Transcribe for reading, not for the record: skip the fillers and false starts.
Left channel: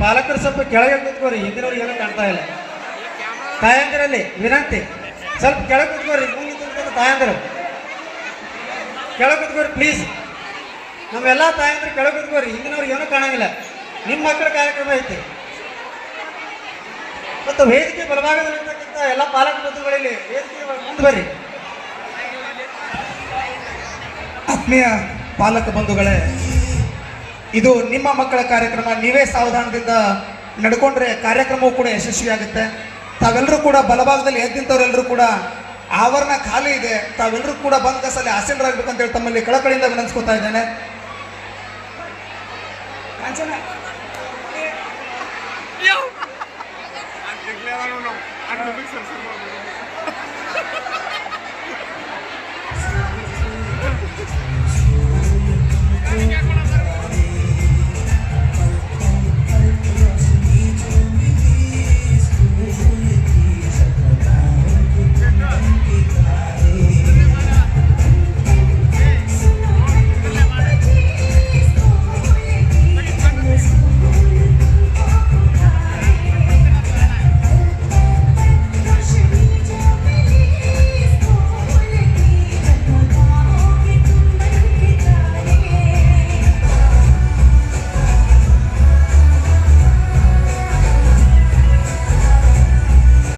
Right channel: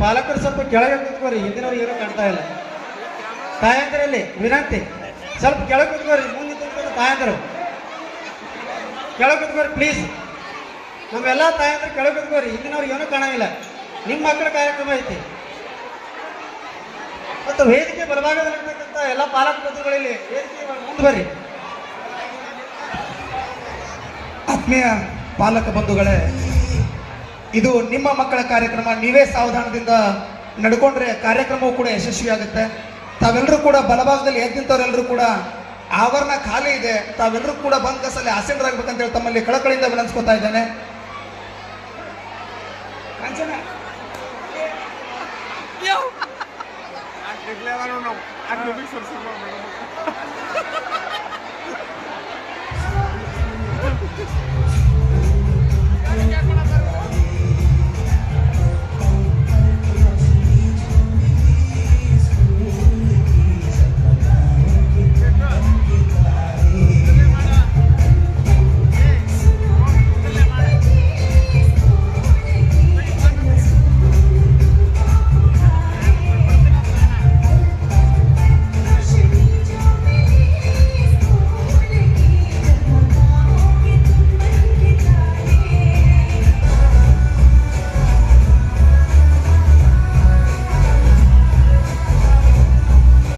ಪಾಲಕರು ಸ್ವಲ್ಪ ಕೆಳಗೆ ಕುತ್ಕೋರಿ, ಹಿಂದಿನವ್ರು ಏನೋ ಕಾಣ್ತಾ ಇಲ್ಲ. ತಾಯಂದ್ರಲ್ಲಿ ವಿನಂತಿ, ಸ್ವಲ್ಪ ಕೆಳಗೆ ಕುತ್ಕೋರಿ. ತಾಯಂದ್ರು ಕೆಳಗೆ ಕುತ್ಕೋರಿ ಪ್ಲೀಸ್. ನಮ್ಮೆಲ್ಲ ತಾಯಂದ್ರು ಕೆಳಗೆ ಕುತ್ಕೋರಿ, ಹಿಂದಿನವ್ರು ಏನೂ ಕಾಣಂಗಿಲ್ಲ. ನಿಮ್ಮ ಮಕ್ಕಳ ಕಾರ್ಯಕ್ರಮ ಐತಿ ಮತ್ತು ವೇದಿಕೆ ಬಲಭಾಗದಲ್ಲಿರ್ತಕ್ಕಂಥ ಎಲ್ಲ ಪಾಲಕ ಬಂಧುಗಳಲ್ಲಿ ವೇದಿಕೆ ಮುಂದೆ ಬರ್ರಿ. ಆತ್ಮೀಯ ಪಾಲಕ ಬಂಧುಗಳೇ, ಇದು ನಿಮ್ಮ ಮಕ್ಕಳ ಕಾರ್ಯಕ್ರಮ. ನೀವೇ ಸಾವಧಾನದಿಂದ ನಡ್ಕೊಂಡ್ರೆ ಕಾರ್ಯಕ್ರಮವು ಕೂಡ ಯಶಸ್ವಿಯಾಗುತ್ತೆ. ತಾವೆಲ್ಲರೂ ಕೂಡ ಬಲಭಾಗದಲ್ಲಿ ಎದ್ದಿಂತವರೆಲ್ಲರೂ ಕೂಡ ಆವರಣ ಖಾಲಿ ಇದೆ, ತಾವೆಲ್ಲರೂ ಕೂಡ ಬಂದ ಕಸಲ್ಲಿ ಆಸೀನರಾಗಬೇಕಂತೇಳಿ ತಮ್ಮಲ್ಲಿ ಕಳಕಳಿಯಿಂದ ವಿನಂತಿಸ್ಕೊತಾ ಇದ್ದೇನೆ.